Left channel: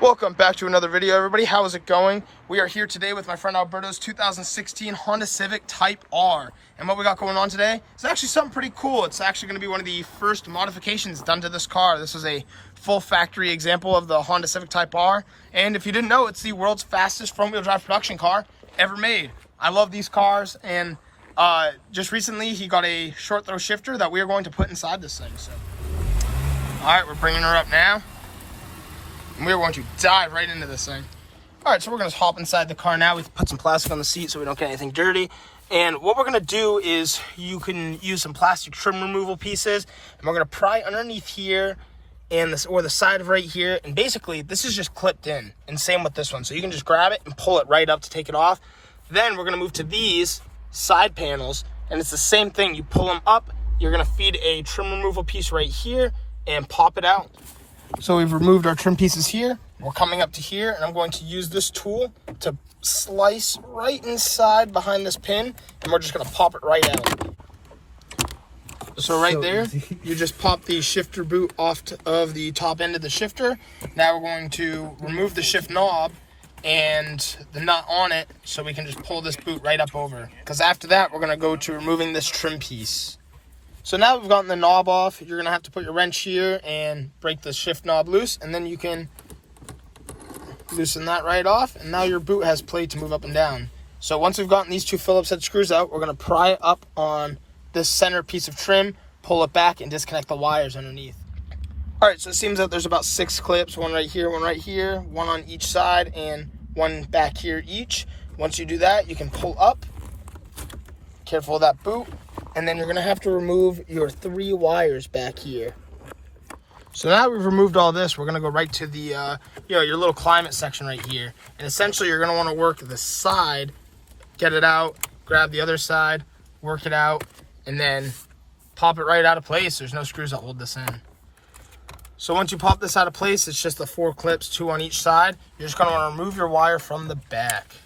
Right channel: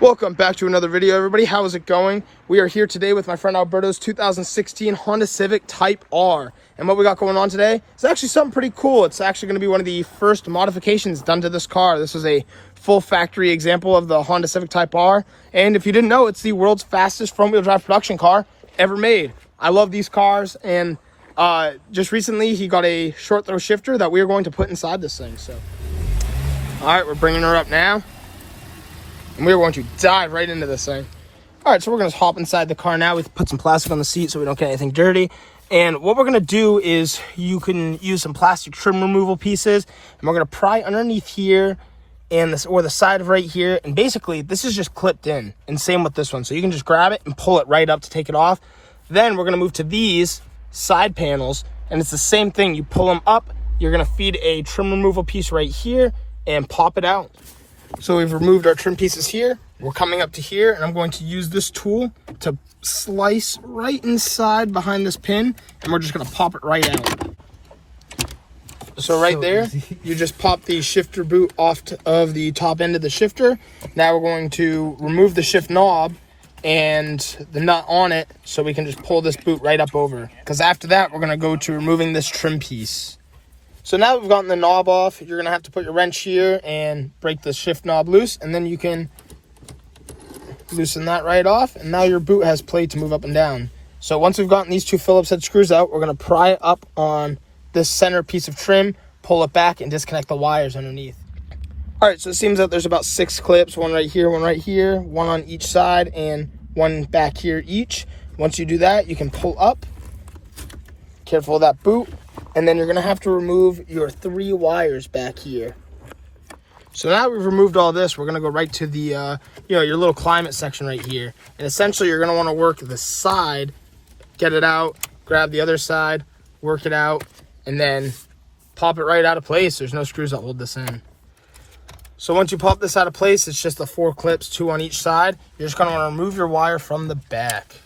Welcome back to another video, everybody. How is it going? We are here today with my friend Alberto's 2016 Honda Civic Type R. And what we got going on today is actually something pretty cool. It's actually going to be one of the first modifications done to this car. This is a full factory example of the Honda Civic Type R. And if you didn't know, it's the world's fastest front-wheel drive production car ever made. I love these cars, and just recently he got a short throw shifter that we are going to put inside this thing. So, all right, we're bringing her up now. And we're going to dive right into this thing. All right, so we're going to hop inside the car now. We put some plastic on the seat so we don't get anything dirty. And what we're going to do is you can use some plastic trim removal pieces. And we're going to pry underneath here and this, or the side of right here. And basically, this is just clipped in. And same with this one. So you can just grab it and pull it right up to take it off. Then we're going to move to these side panels. And it's the same thing. You pull them up. You're going to feed a trim removal piece right here and pop it out. So we've removed our trim pieces here. We're coming up to here, and I'm going to use this tool to slice right inside behind this pin, and we're just going to pop it right out. So right there, you just pop the shifter boot off of the top end of the shifter. Now we're going to remove the shift knob and the nut on it so we can just pull this boot right up over. Because after that, we're going to go to removing this trim piece. So now that we've gotten the knob off, you're going to have to put your wrench here and break the shift knob loose, and then you can loosen that right off, and now your boot has play to move up and down. So once we've gotten these two Phillips head screws out, we're going to pry up on this center piece of trim, pull it back, and disconnect the wires underneath. All right, so it seems that there's about 6 clips, one right here, one on each side, and one back here each. Once you do that, you can pull up. Careful of that boot. And then you're going to have to remove your 3 wires back here. So now we've removed all this, we're going to go right to the, your little climate section right here. And essentially, you're going to want to work the side, get it out, grab the other side, work it out, and then pop it right out of place. There's no screws that hold this in. So once you pop this out of place, it's just the 4 clips, 2 on each side. You're just going to want to remove your wire from the back.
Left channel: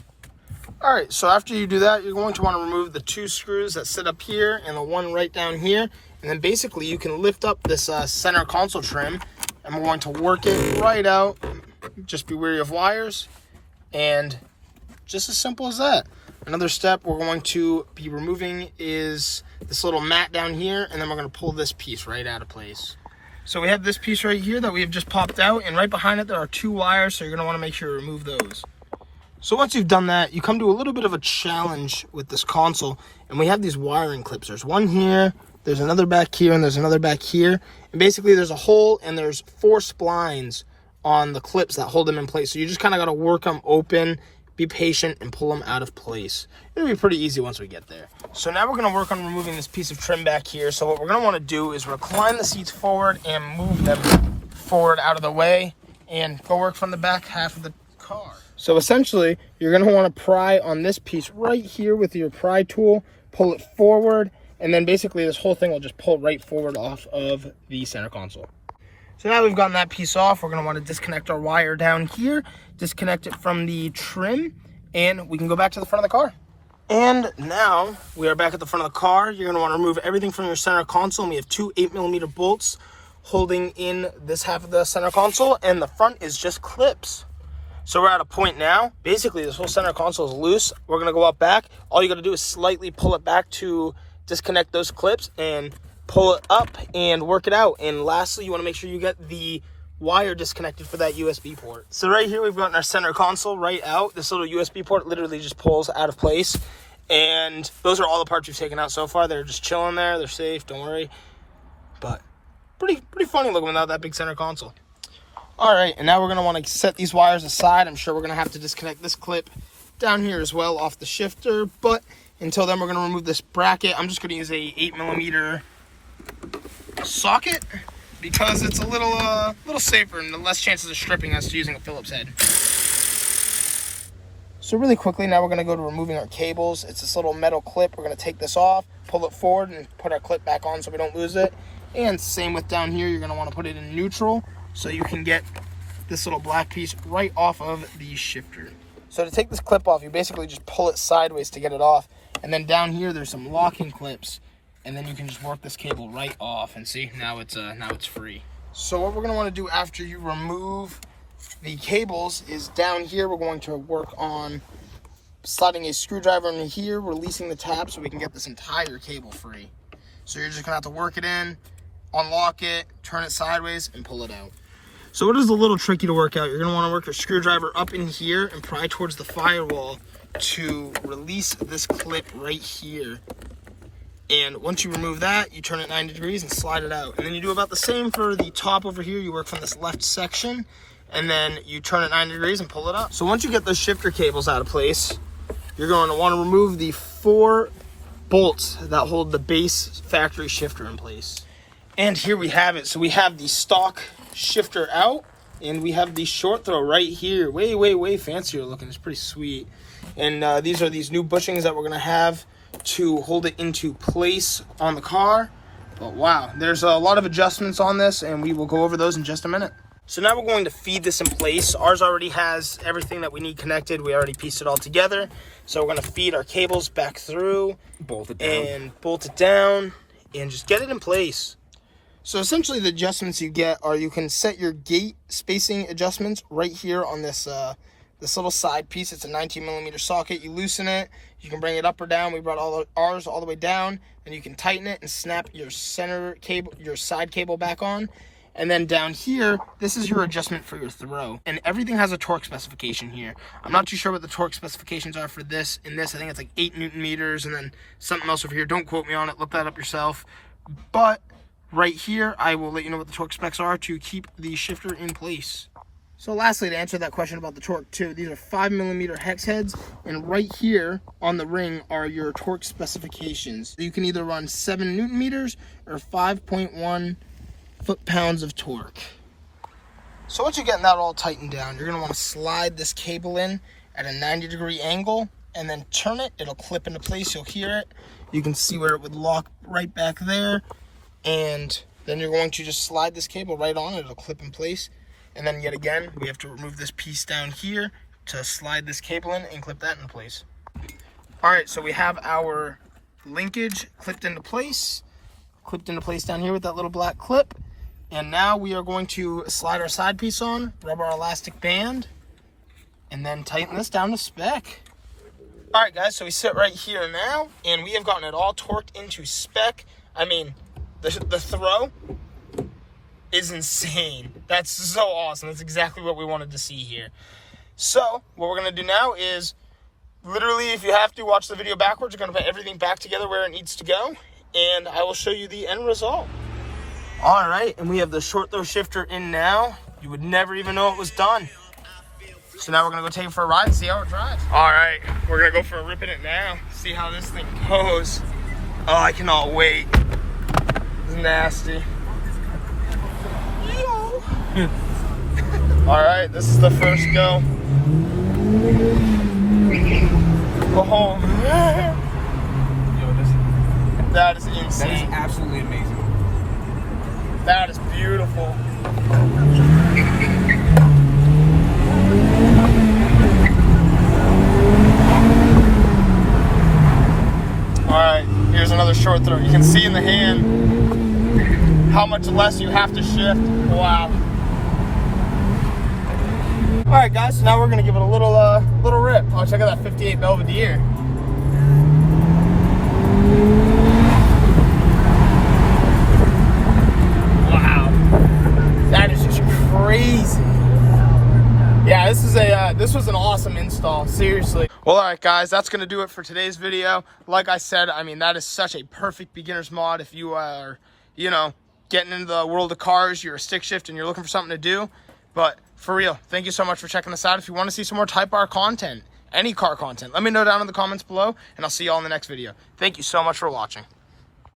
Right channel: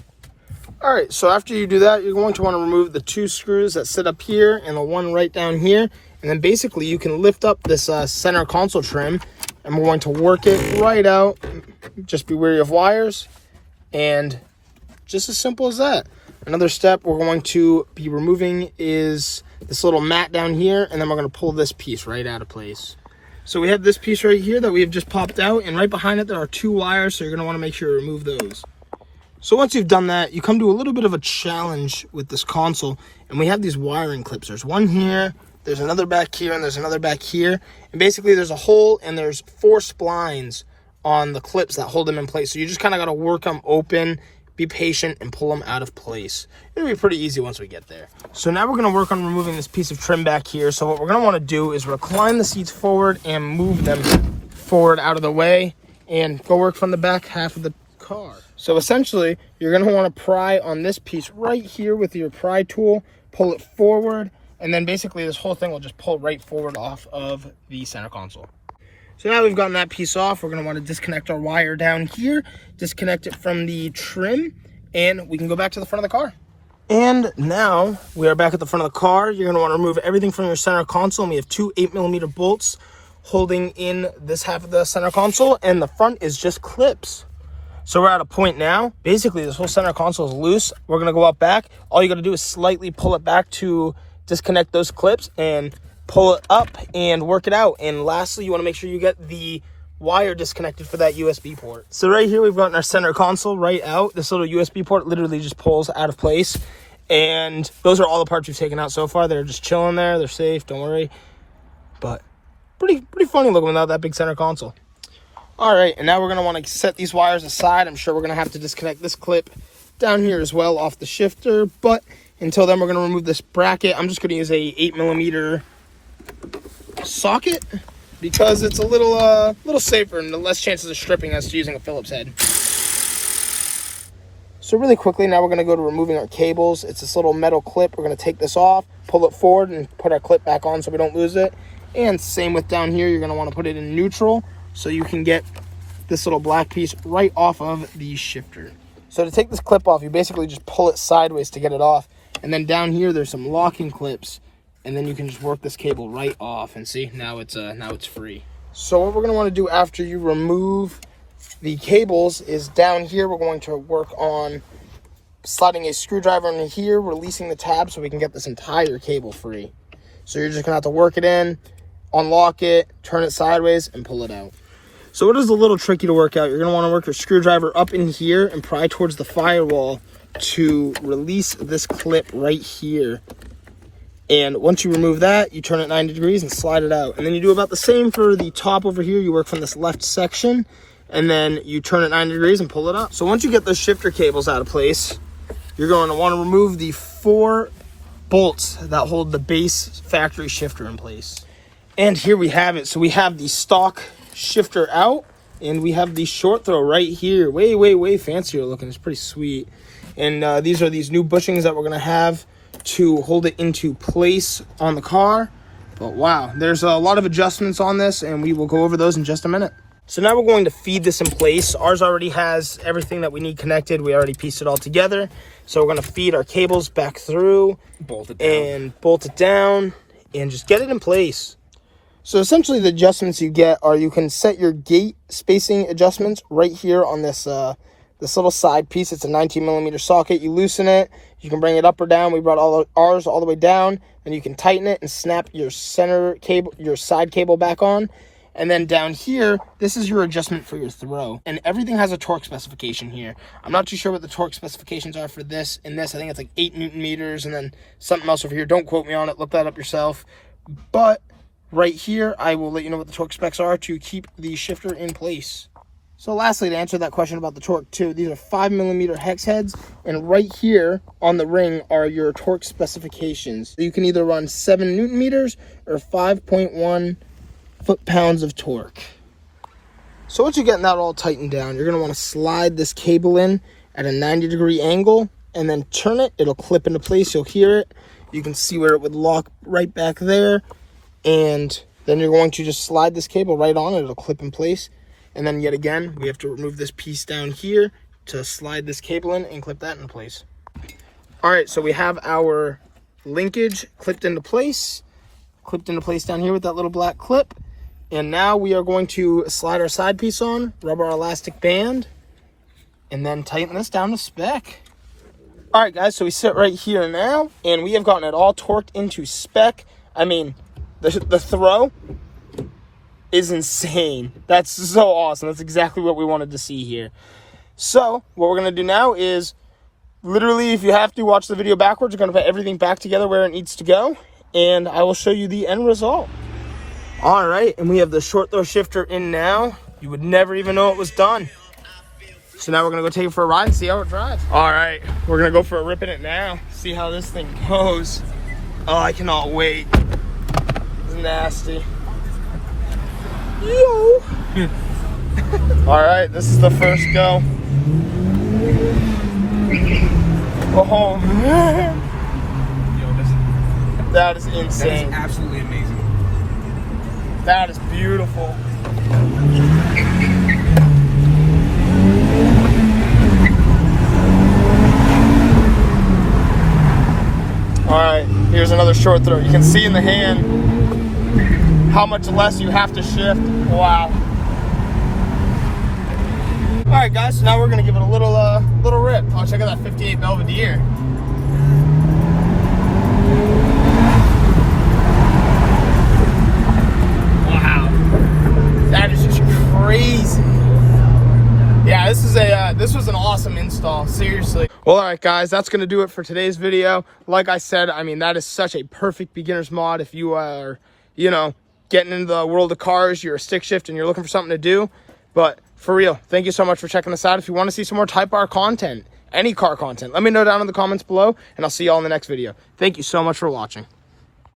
All right, so after you do that, you're going to want to remove the 2 screws that sit up here and the one right down here. And then basically you can lift up this center console trim, and we're going to work it right out. Just be wary of wires, and just as simple as that. Another step we're going to be removing is this little mat down here, and then we're going to pull this piece right out of place. So we have this piece right here that we have just popped out, and right behind it there are 2 wires, so you're going to want to make sure you remove those. So once you've done that, you come to a little bit of a challenge with this console, and we have these wiring clips. There's one here, there's another back here, and there's another back here. And basically there's a hole, and there's 4 splines on the clips that hold them in place. So you just kind of got to work them open, be patient, and pull them out of place. It'll be pretty easy once we get there. So now we're going to work on removing this piece of trim back here. So what we're going to want to do is recline the seats forward and move them forward out of the way, and go work from the back half of the car. So essentially, you're going to want to pry on this piece right here with your pry tool, pull it forward, and then basically this whole thing will just pull right forward off of the center console. So now we've gotten that piece off, we're going to want to disconnect our wire down here, disconnect it from the trim, and we can go back to the front of the car. And now we are back at the front of the car. You're going to want to remove everything from your center console, and we have 2 8mm bolts holding in this half of the center console, and the front is just clips. So we're at a point now, basically this whole center console is loose. We're going to go up back. All you got to do is slightly pull it back to disconnect those clips and pull it up and work it out. And lastly, you want to make sure you get the wire disconnected for that USB port. So right here, we've gotten our center console right out. This little USB port literally just pulls out of place. And those are all the parts we've taken out so far. They're just chilling there. They're safe, don't worry. But pretty funny looking without that big center console. All right, and now we're going to want to set these wires aside. I'm sure we're going to have to disconnect this clip down here as well off the shifter. But until then, we're going to remove this bracket. I'm just going to use a 8mm socket because it's a little safer and the less chances of stripping us using a Phillips head. So really quickly, now we're going to go to removing our cables. It's this little metal clip. We're going to take this off, pull it forward, and put our clip back on so we don't lose it. And same with down here, you're going to want to put it in neutral so you can get this little black piece right off of the shifter. So to take this clip off, you basically just pull it sideways to get it off. And then down here, there's some locking clips. And then you can just work this cable right off. And see, now it's free. So what we're going to want to do after you remove the cables is down here. We're going to work on sliding a screwdriver in here, releasing the tab so we can get this entire cable free. So you're just gonna have to work it in, unlock it, turn it sideways, and pull it out. So it is a little tricky to work out. You're gonna wanna work your screwdriver up in here and pry towards the firewall to release this clip right here. And once you remove that, you turn it 90 degrees and slide it out. And then you do about the same for the top over here. You work from this left section, and then you turn it 90 degrees and pull it up. So once you get those shifter cables out of place, you're going to want to remove the 4 bolts that hold the base factory shifter in place. And here we have it. So we have the stock shifter out, and we have the short throw right here. Way fancier looking. It's pretty sweet. And these are these new bushings that we're going to have to hold it into place on the car. But wow, there's a lot of adjustments on this, and we will go over those in just a minute. So now we're going to feed this in place. Ours already has everything that we need connected. We already pieced it all together. So we're going to feed our cables back through, bolt it down, and just get it in place. So essentially the adjustments you get are you can set your gate spacing adjustments right here on this this little side piece. It's a 19mm socket. You loosen it, you can bring it up or down. We brought all ours all the way down, and you can tighten it and snap your center cable, your side cable back on. And then down here, this is your adjustment for your throw. And everything has a torque specification here. I'm not too sure what the torque specifications are for this and this. I think it's like 8 Newton meters and then something else over here. Don't quote me on it. Look that up yourself. But right here, I will let you know what the torque specs are to keep the shifter in place. So lastly, to answer that question about the torque too, these are 5mm hex heads. And right here on the ring are your torque specifications. You can either run 7 Newton meters or 5.1 foot-pounds of torque. So once you're getting that all tightened down, you're going to want to slide this cable in at a 90-degree angle and then turn it. It'll clip into place. You'll hear it. You can see where it would lock right back there. And then you're going to just slide this cable right on it. It'll clip in place. And then yet again, we have to remove this piece down here to slide this cable in and clip that in place. All right, so we have our linkage clipped into place down here with that little black clip. And now we are going to slide our side piece on, rub our elastic band, and then tighten this down to spec. All right, guys, so we sit right here now, and we have gotten it all torqued into spec. I mean, the throw is insane. That's so awesome. That's exactly what we wanted to see here. So what we're going to do now is, literally, if you have to watch the video backwards, you're going to put everything back together where it needs to go, and I will show you the end result. All right, and we have the short throw shifter in now. You would never even know it was done. So now we're gonna go take it for a ride and see how it drives. All right, we're gonna go for a rip in it now. See how this thing goes. Oh, I cannot wait. It's nasty. Yo. All right, this is the first go. Oh man. That is insane. That is absolutely amazing. That is beautiful. All right, here's another short throw. You can see in the hand how much less you have to shift. Wow. All right, guys, so now we're gonna give it a little rip. Oh, check out that 58 Belvedere. Crazy. Yeah, this was an awesome install, seriously. Well, all right, guys, that's gonna do it for today's video. Like I said, I mean, that is such a perfect beginner's mod if you are, you know, getting into the world of cars, you're a stick shift and you're looking for something to do. But for real, thank you so much for checking this out. If you want to see some more Type R content, any car content, let me know down in the comments below, and I'll see you all in the next video. Thank you so much for watching.